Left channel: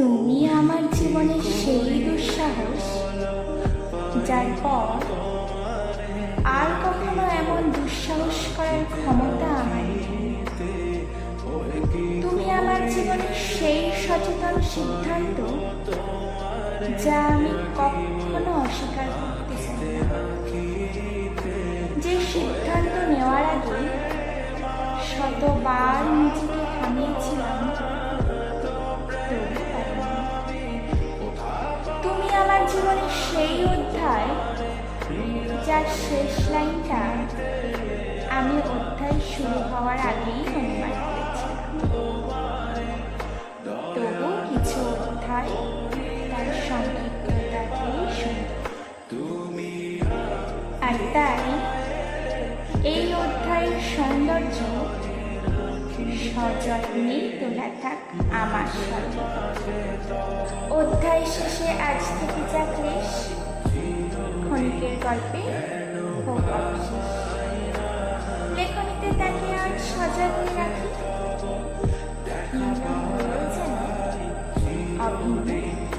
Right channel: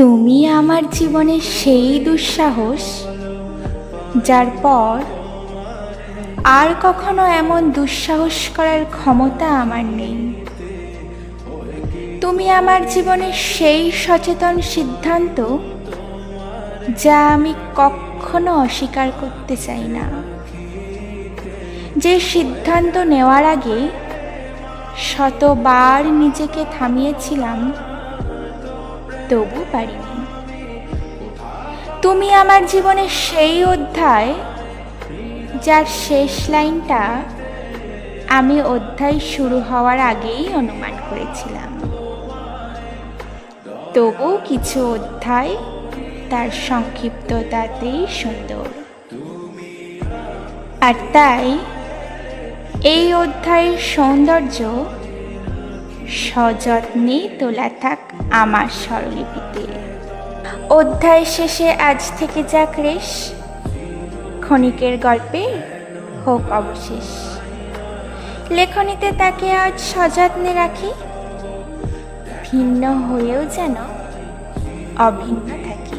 তুমি আমার জীবনের সেই দুঃসাহস যার পর আর কখনো এমন দুঃসাহস করার ক্ষমতা আমার নেই। তুমি আমার জীবনের সেই সচেতন সিদ্ধান্ত যা আমি কখনো অস্বীকার করতে চাই না, যে সিদ্ধান্ত নেওয়ার আগে শতবার নিজেকে থামিয়েছিলাম, তবু পারিনি। তুমি আমার জীবনের সেই অধ্যায় যার শেষ লাইনটা আমি অধ্যায় শুরু হওয়ার আগেই অনুমান করেছিলাম। তবু কিছু অধ্যায় তার সংক্ষিপ্ততাতেই সুন্দর, আর তাই এই অধ্যায়ের সৌন্দর্য সযত্নে তোলা থাক আমার স্বরলিপিতে। অধ্যায় শেষে আজ থেকে যাক রেশ, ক্ষণিকের গল্পে হোক অবশেষ। লেখনীতে তাকে আজ সযত্নে রাখি, ভিন্ন হয়েও যেন অভিন্ন থাকি।